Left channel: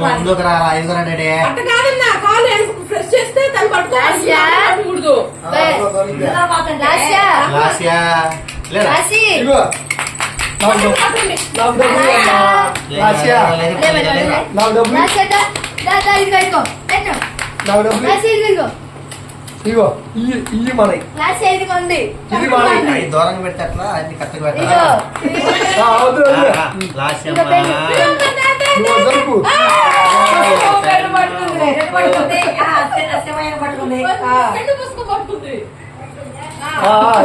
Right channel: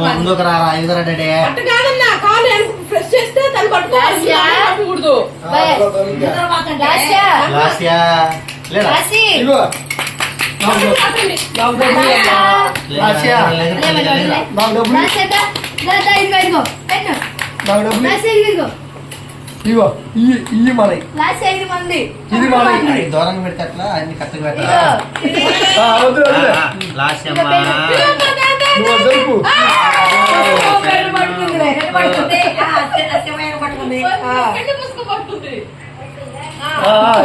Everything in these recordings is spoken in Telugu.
ముందుకు రారా ఎందుకు డాడీ కాలు ఫ్రెష్ చేస్తే తను పట్టుకోకూడదు. ఇగో ఇవి మనకి ఇది మనకి దూరంగా పెడితే అట్లా అన్ని కరెక్ట్గా పెట్టాలి.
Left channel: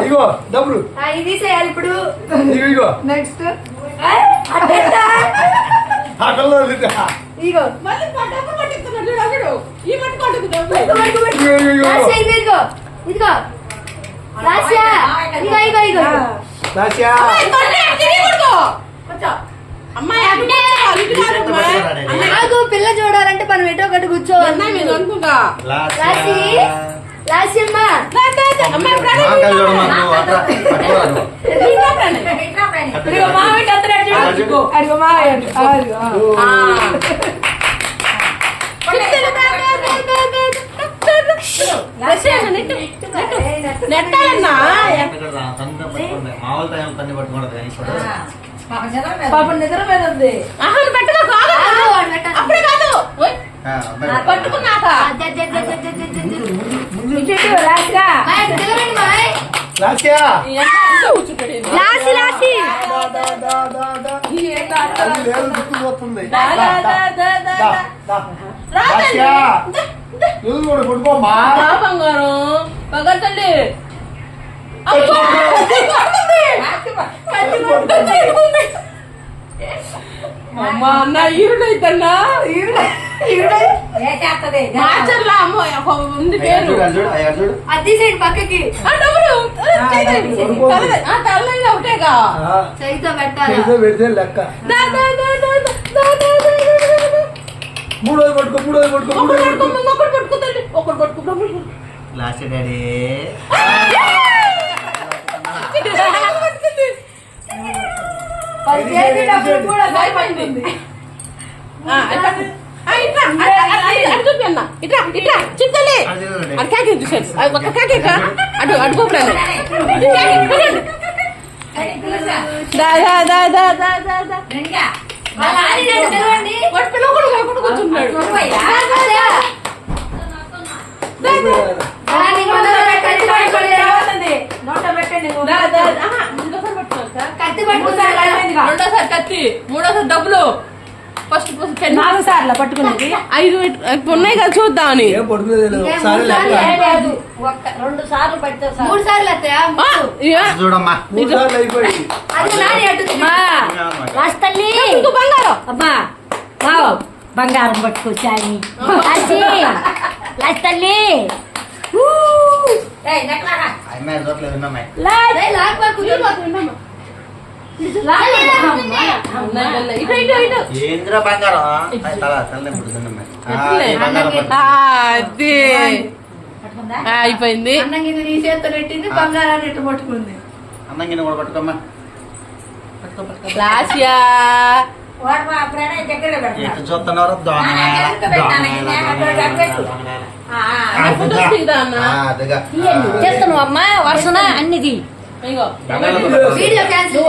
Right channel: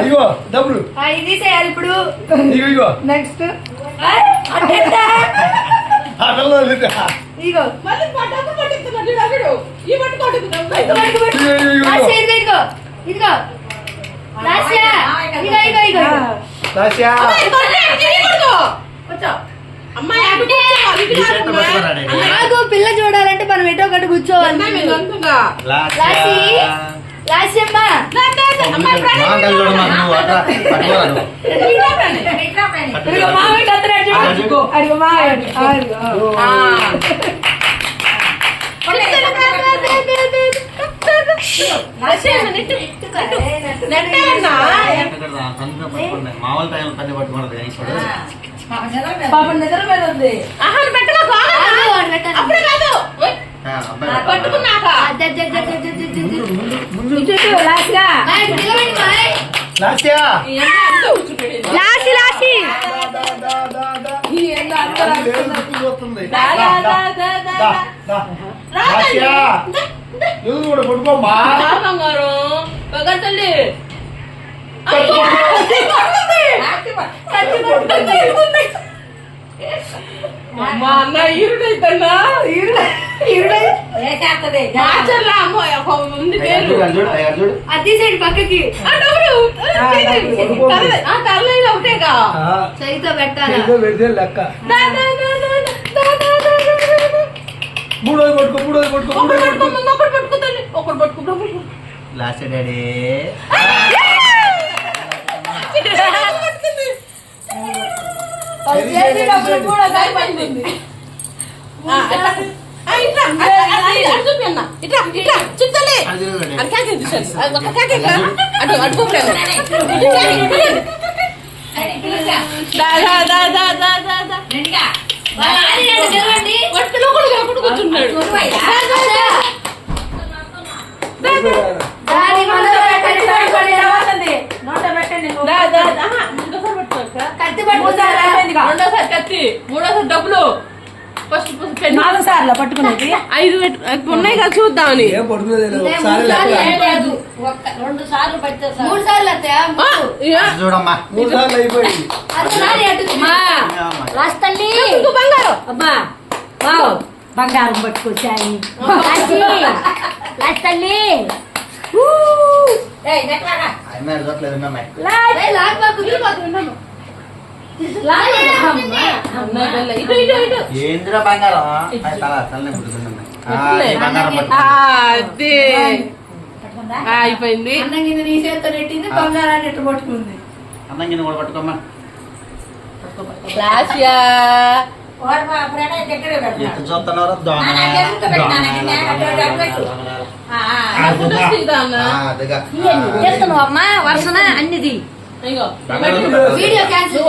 ఇగో డబ్బులు ఇది చేయాలి ఇప్పుడు. ఇగో నెక్స్ట్ ఇగో మళ్ళీ పట్టుకు పట్టుకున్నాడు చూడు ఈ పట్టుకోడు ఇదిగో ఇదిగో లాస్యా ఇదిగో ఇదిగో ఇదిగో లాస్యా కాదు పిల్ల చూడాలంటే మనం ఎటో ఒకటి కూర్చోవాలి. లాస్యమ్మా అడిగో మావయ్య మామూలు టైం పని పట్టుకోవడం కానీ పాపం నిద్ర మీద ఉంది. పగతండి అమ్మా అన్న ఈరుడైతన్నా ఉంది పేరు అది సైడ్ పక్కకి తల్లి ఒకటేగా చైతో పెట్టాలి. పెడితే లెక్క మూడోది పట్టుకో మూడోది పట్టుకో మూడోది పట్టుకో ఒకటి పట్టుకో లాస్ట్ డాడీ కూడా భయపడింది. ఇట్లా ఇట్లా చిత్తలే కత్తి పట్టుకుంటారా? రెండోసారి కత్తి మూడోసారి డబ్బులు ఫస్ట్ 4 సార్లు పట్టుకునేది 5 ఉన్నాయి కదా చూద్దామని. 2 సార్లు పట్టు 3 సార్లు చూడమ్మా అబ్బా బంగారం పట్టుకొచ్చాయి తల్లి. ఏంద్రా బంగారం అయిపోయింది. అన్నంగి నీ చేతితో పెట్టింది బంగారాన్ని ఎట్టు పట్టుకుంది. అన్నంగిన కూడా పట్టుకోమ్మా. చూస్తున్నారు చేస్తున్నావు అమ్మా వరుసన అన్నిది వీడియో క్యాన్సిల్